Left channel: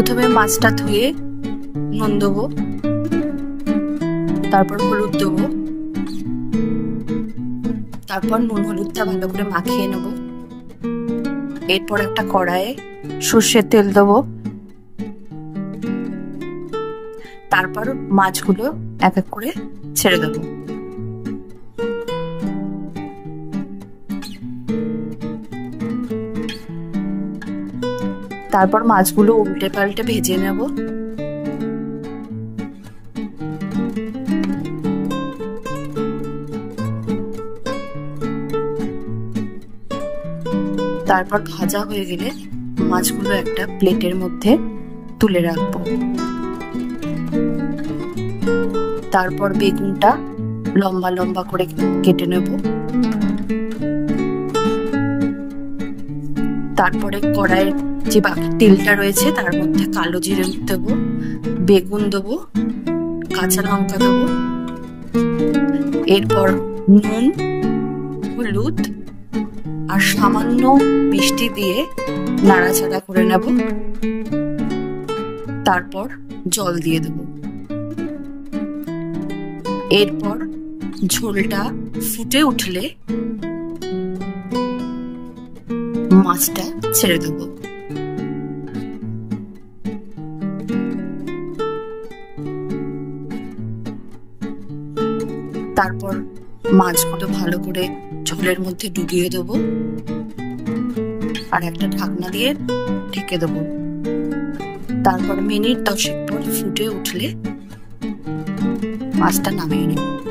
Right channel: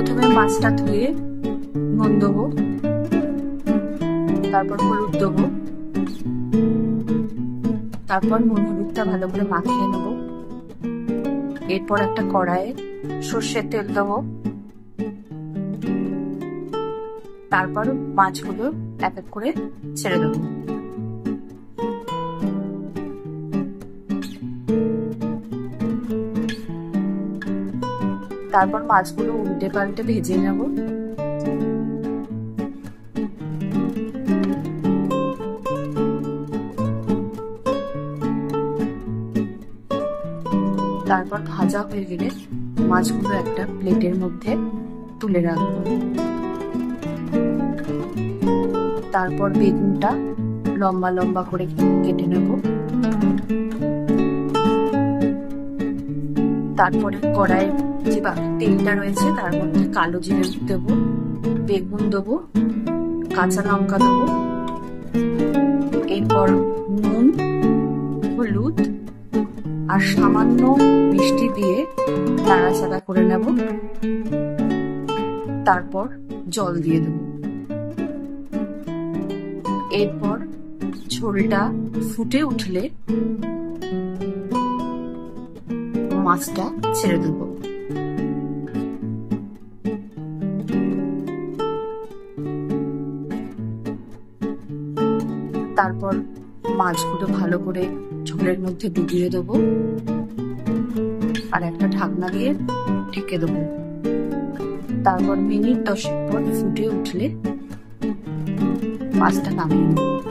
প্রথমে মাছটা ধুয়ে নুন দেবো, তারপর হলুদ দেবো, তারপর নুন হলুদটা ভালো করে মাখিয়ে নেব। এরপর একটা কড়াইয়ে সর্ষের তেল দেবো, তারপর মাছগুলো এক এক করে ছেড়ে দেবো। তারপর মাছগুলো উল্টে পাল্টে ভেজে নেব। তারপর ভাজা হয়ে গেলে মাছগুলো একটা প্লেটের মধ্যে তুলে রাখবো। তারপর বেগুনটা লম্বা লম্বা করে কেটে নেব। তারপরে কড়াইয়ের যে বাকি তেলটা রয়েছে তার মধ্যে কালো জিরে দেবো, বেগুন দেবো, কাঁচা লঙ্কা দেবো, এরপর নুন হলুদ আর সামান্য মিষ্টি দিয়ে নাড়াচাড়া করে নেব। তারপর জল দিয়ে দেব। এরপর ঝোলটা ফুটে উঠলে মাছটা ছেড়ে দেব। তারপর মাছগুলো ভালো করে ঝোলের মধ্যে ডুবিয়ে দেব আর একটা ঢাকনা দিয়ে ঢেকে দেব। তারপর মিনিট 10 পর ফুটে উঠলে মাছটা নামিয়ে নেব।